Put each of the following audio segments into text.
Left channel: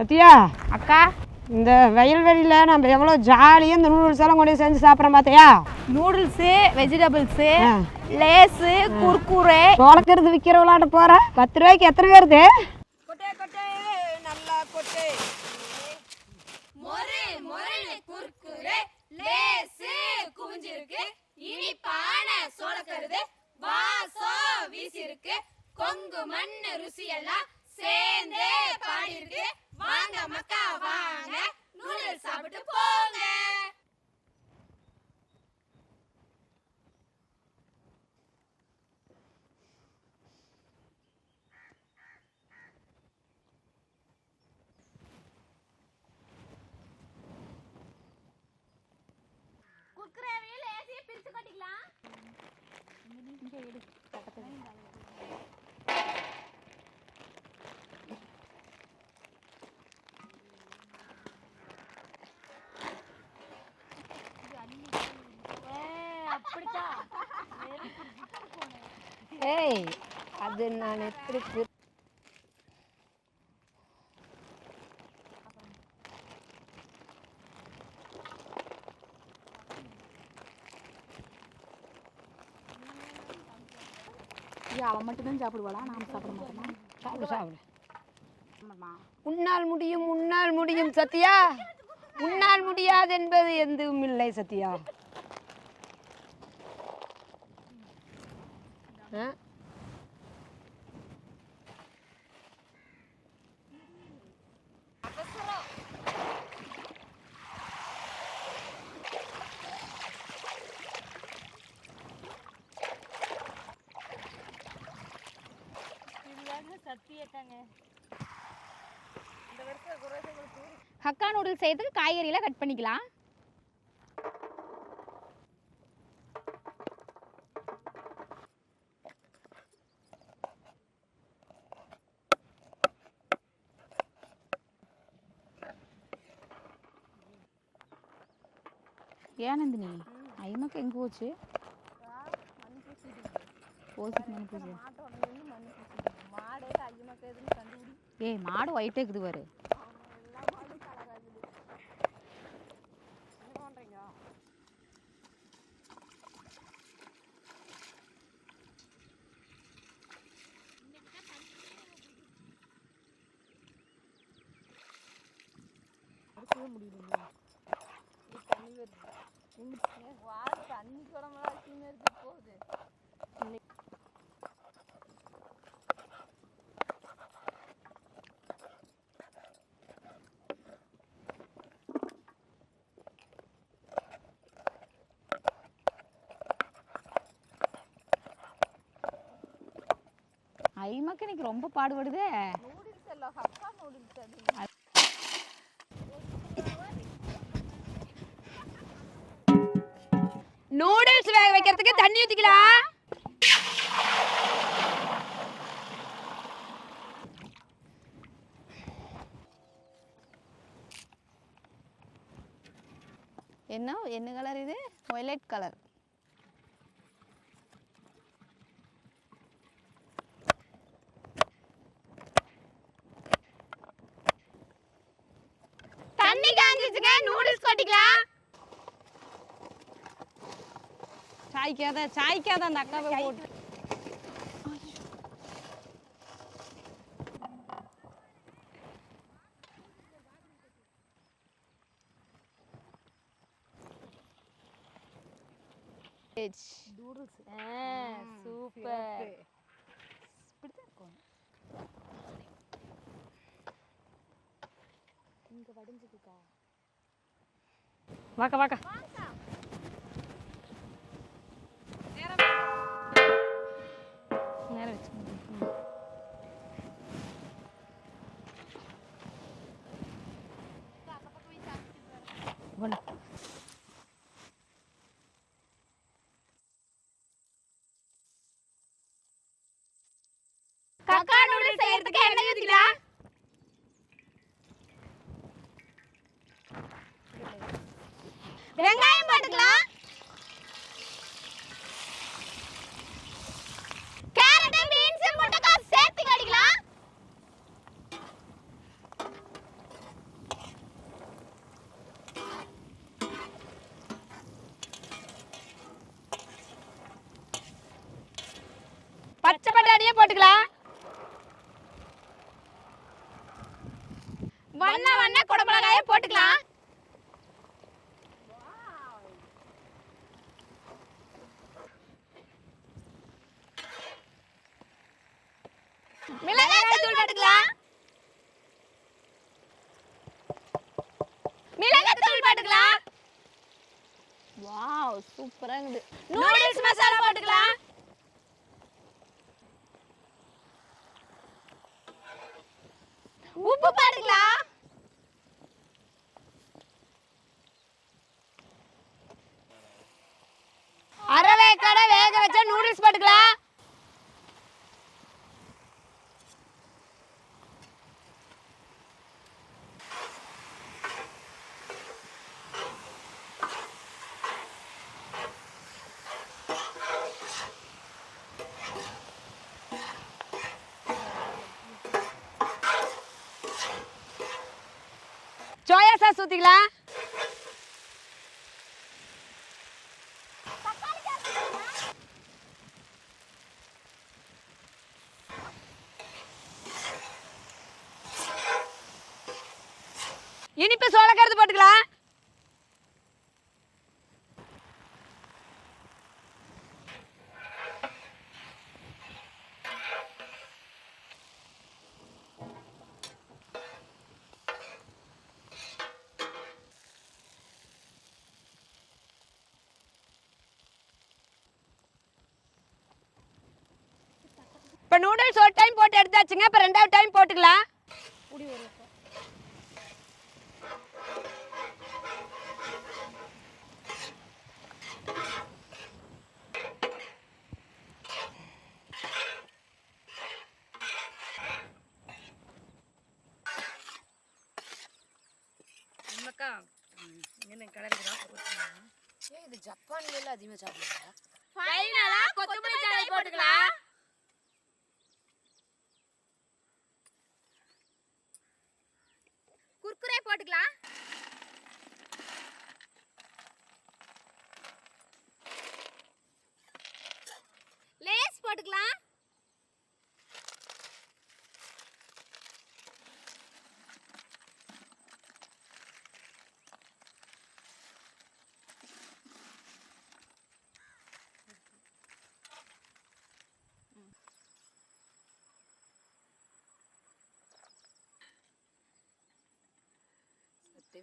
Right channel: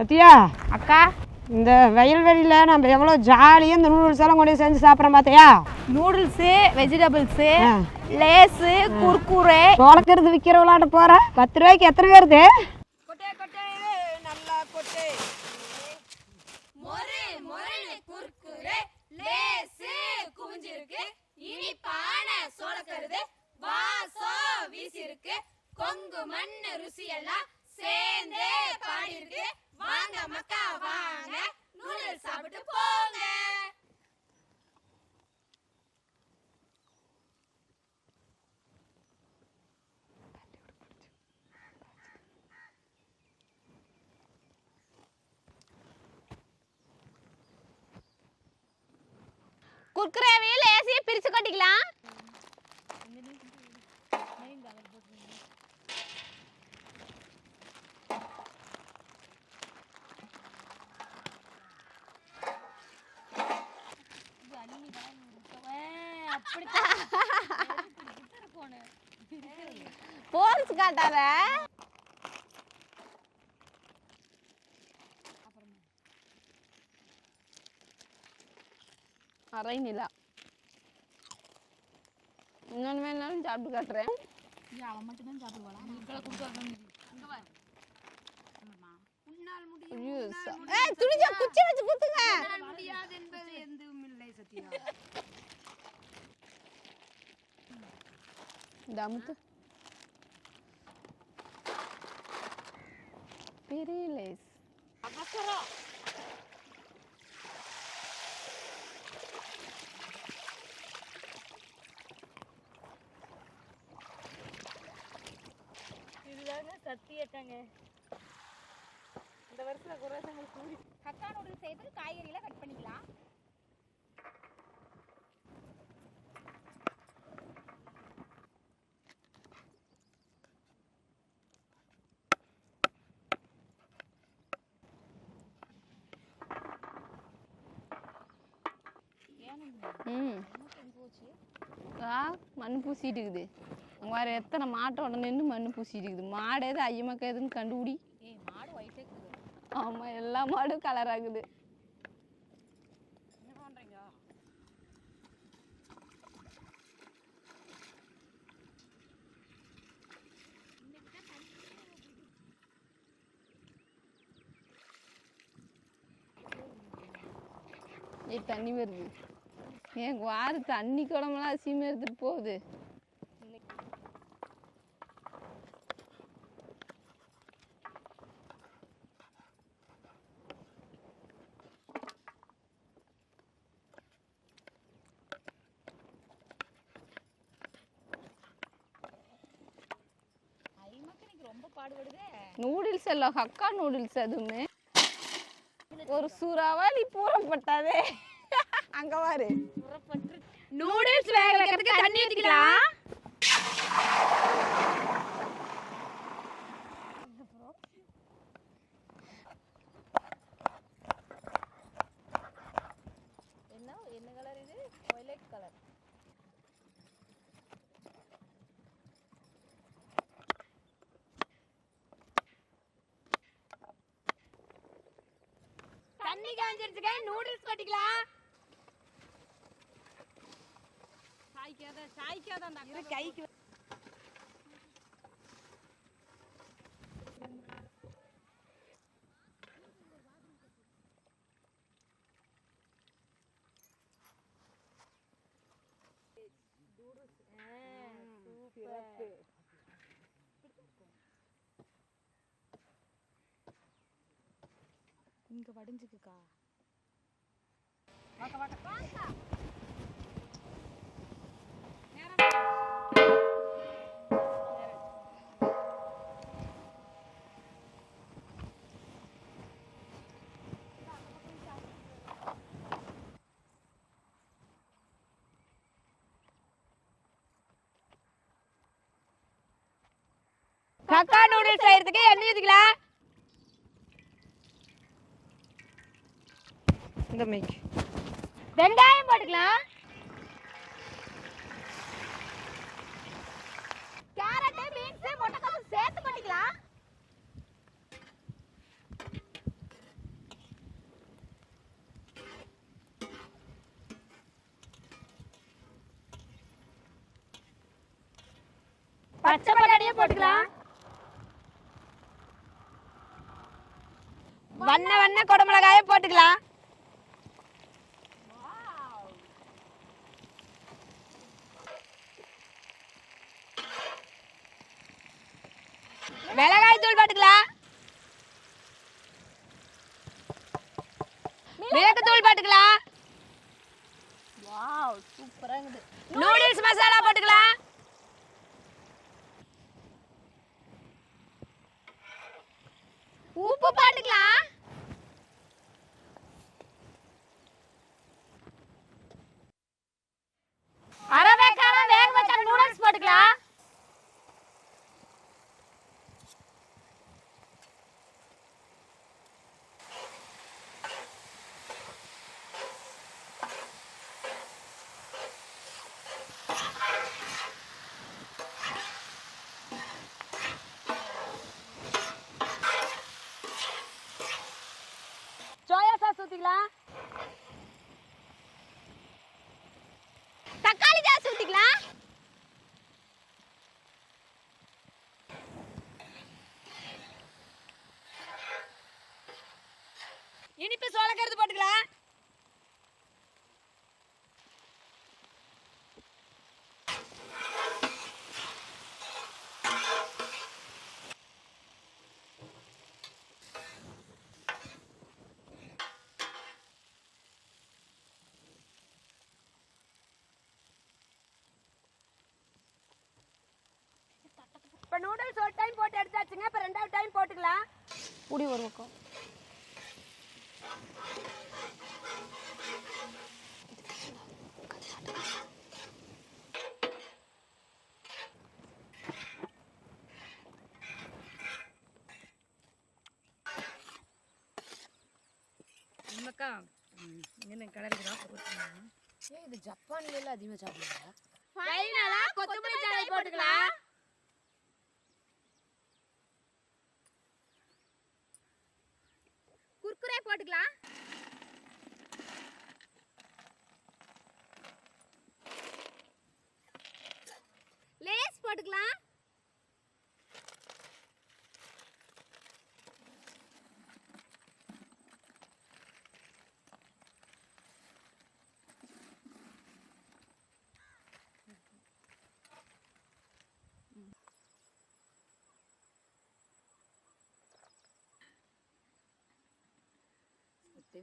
சத்யா அக்கா, இந்த வயல்வெளியில் நம்ம எவ்வளோ ஜாலியாக இந்த நூடுல்ஸ் எல்லாம் கொண்டு செஞ்சு சாப்பிட்றோம் பார்த்தியா? நூடுல்ஸு, வெஜிடபிள்ஸு, லேஸு, குர்குரே சோளக்கருது விற்கிற விளாட போகிற 10 ரூபாய்க்கு எத்தனை பேருது? கொட்டை கொட்டை நல்லா கொட்டை மொறு மொறுன்னு குர்குரே, லேஸு குவிஞ்சிருக்கு, இனிப்பான சோளக்கருது வாசம் வீசிருக்கு, கொங்கு மண்ணு ருசியெல்லாம் சேர்ந்தே பாடிருக்கு. வாங்க மக்கா வாங்க, நூடுல்ஸ் சாப்பிட்டு போங்க. குர்குரேவையும் லேஸையும் பிரிச்சு கொட்டிக்கலாம். ஏய் போர்ஸ் காட்டாத. அரை நிலா இன்னொன்று வேணாலும் சாப்பிட்டு காட்டுறேன். அவன் மட்டும் தான் சாப்பிடுவாளா? நான் சாப்பிட மாட்டேன். சாப்பிடு சாப்பிடு. உன்னால் முடியும் உன்னால் முடியும் சத்யா. உன்னால் முடியாது என்பது எதுவும் இல்லை சத்யா. பெரிய லேஸ் ஹக்கா நூடுல்ஸ் செய்யறதுக்கு காய்கறியெல்லாம் கட் பண்ணிக்கலாம். ஏனந்தினி ஐமாக்கு எங்கே போச்சு? மண் பூசிட்டு இருக்குது. வேறு எத்தனை மாட்டோட நின்று மண் பூசிட்டு இருக்குது. மாடு எது ஐயமாக்கு எதுன்னு கண்டுபிடி. ஏய், மாடு ஒயிட்டே இருக்குது பாரு. ஆமாம், எல்லா மாடும் கலர் ஆகுது. தண்ணி வருது. ஏன் வாரு தண்ணி குடமெல்லாம் அசியமா எடுத்துட்டு போகுது. ஐமாக்கு இன்னைக்கு ரொம்ப பாடுபடுதே. நூடுல்ஸ் எல்லாம் ஹக்கா நூடுல்ஸ். அதுவுமே ஒரு சூறாவளி பூரப்பட்டாதே. அங்க வாரு. நூடுல்ஸ் வேக வைக்கிறதுக்கு தண்ணி ஊத்திக்கலாம். என்ன கலர் இது? Violet colour. தண்ணி காஞ்சிச்சுங்க, நூடுல்ஸ் கொட்டிக்கலாம். சாய்க்காத அந்த அக்காவை போட்டு. சூப்பர். இங்க வடிஞ்சுக்குக்கா. வாக்க வாக்க. ஹக்கா நூடுல்ஸ் செய்யறதுக்கு எண்ணெய் ஊத்திக்கலாம். இந்த மேக் வெங்காயம் போட்டுக்கலாம். கேரட், பீன்ஸ், முட்டைக்கோஸ் சேர்த்து கடிக்கலாம். வண்ண வண்ண குடமிளகாயை போட்டுக்கலாம். மிளகாய் தூள் போட்டுக்கலாம். மிளகாய் தூள் போட்டுக்கலாம். வாவ் சூப்பரா இருக்குது. நூடுல்ஸ் மசாலா போட்டுக்கலாம். உப்பு போட்டுக்கலாம். அரவேக்கான வேக வச்ச நூடுல்ஸ் போட்டுக்கலாம். சோயா சாஸ் ஊத்திக்கலாம். தக்காளி சாஸ் ஊத்திக்கலாம். இனிப்பு சோளக்கருது போட்டுக்கலாம். இப்போ நூடுல்ஸ் ஒரு டைம் போட்டு எடுத்தாச்சுங்க. இப்போ ரெண்டாவது டைம் போட்டுக்கலாம். கூடி ஒரு பக்கம். அக்கா இங்கே கலருக்கு தான் போட்டுக்கலாம். ஏன் இது ஜப்பான்ல எல்லாம் அதிகமா சாப்பிடுவாங்க. ஃபைனலா கொத்தமல்லி தழை போட்டுக்கலாம். குர்குரே போட்டுக்கலாம். லேஸ் போட்டுக்கலாம்.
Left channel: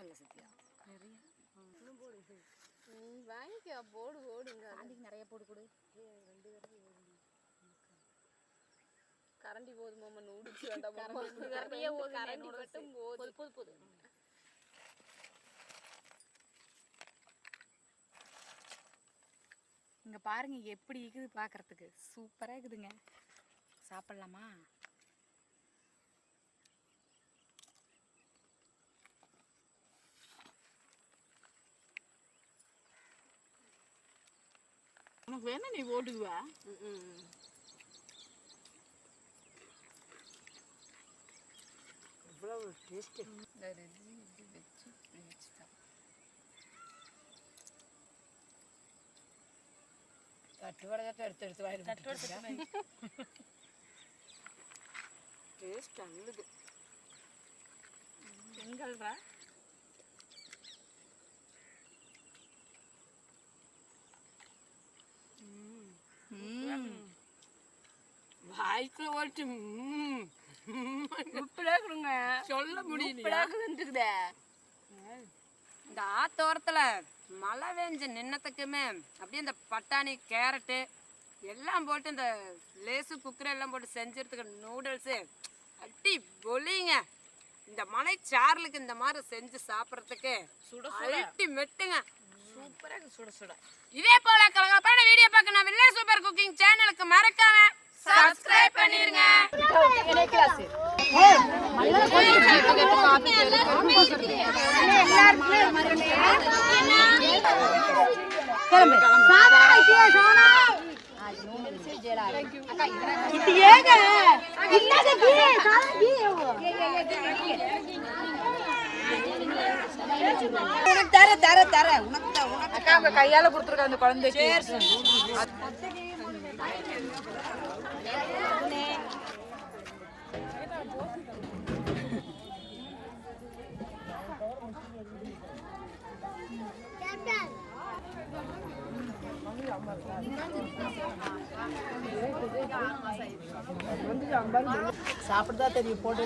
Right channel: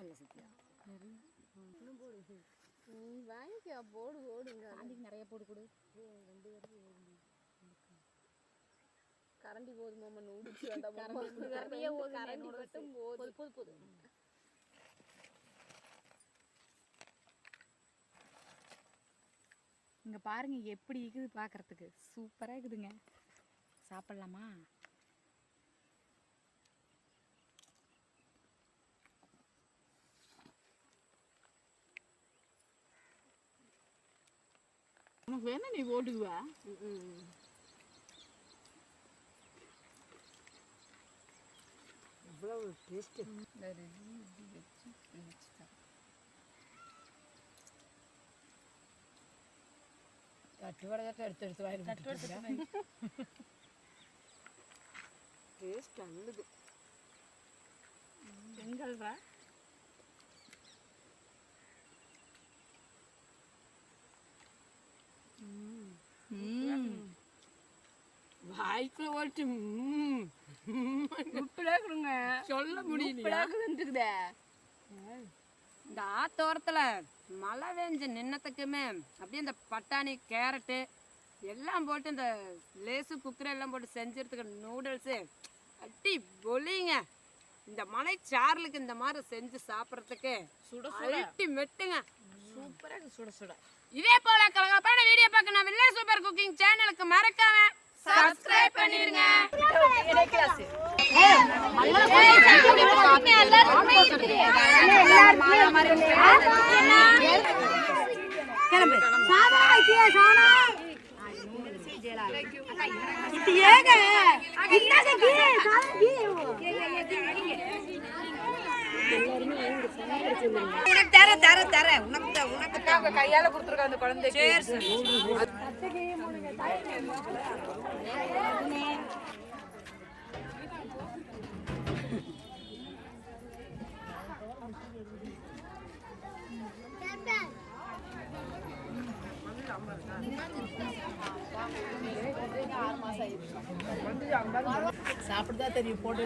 நல்ல சத்தியா நிறைய வாங்கிக்க போடு ஓடுங்க. அதுக்கு நிறைய போட்டு கொடு. கரண்டி போதுமாமா நூடுல்ஸ் வேண்டாம். நிறைய ஓடு. கரண்டி மட்டும் போது. போது. இங்கே பாருங்க எப்படி இருக்குது பார்க்குறதுக்கு சூப்பராக இருக்குதுங்க. சாப்பிட்லாமா? உனக்கு வேணா நீ போட்டுக்குவா. இவ்வளவு டேஸ்ட். தட்டுவடை எடுத்து வாயில் டேஸ்ட் நல்லது. எங்கள்ரா வாய்க்குள்ள ஓட்டு உப்புடா கொடுங்க. சொல்ல முடியல. இந்த ஆத்தோரத்தில் மழை பெஞ்ச நின்னத்துக்குமே அப்படியே இந்த பட்டாணி கேரட்டு எல்லாம் போட்டு இந்த லேசு குக்கரை எல்லாம் போட்டு செஞ்சுறதுக்கு நூடுல்ஸு அட்டி பொலிங்க. இந்த மலை சாரலுக்கு இந்த மாதிரி செஞ்சு சாப்பிட்றதுக்கு அல்ட்டி மெட்டுங்க. சூப்பராக சுட சுட. இதே போல கலகலப்பான வீடியோ பார்க்க நான் வில்லேஜ் சூப்பர் குக்கிங் சேனலுக்கு மறக்காம சப்ஸ்கிரைப் பண்ணிருங்க. உனக்கு தர தர தர உனக்கு உனக்கு கையால கொடுத்துருக்க அந்த குழந்தை. சாப்பிட்டு தான் தெரியும் போட்டு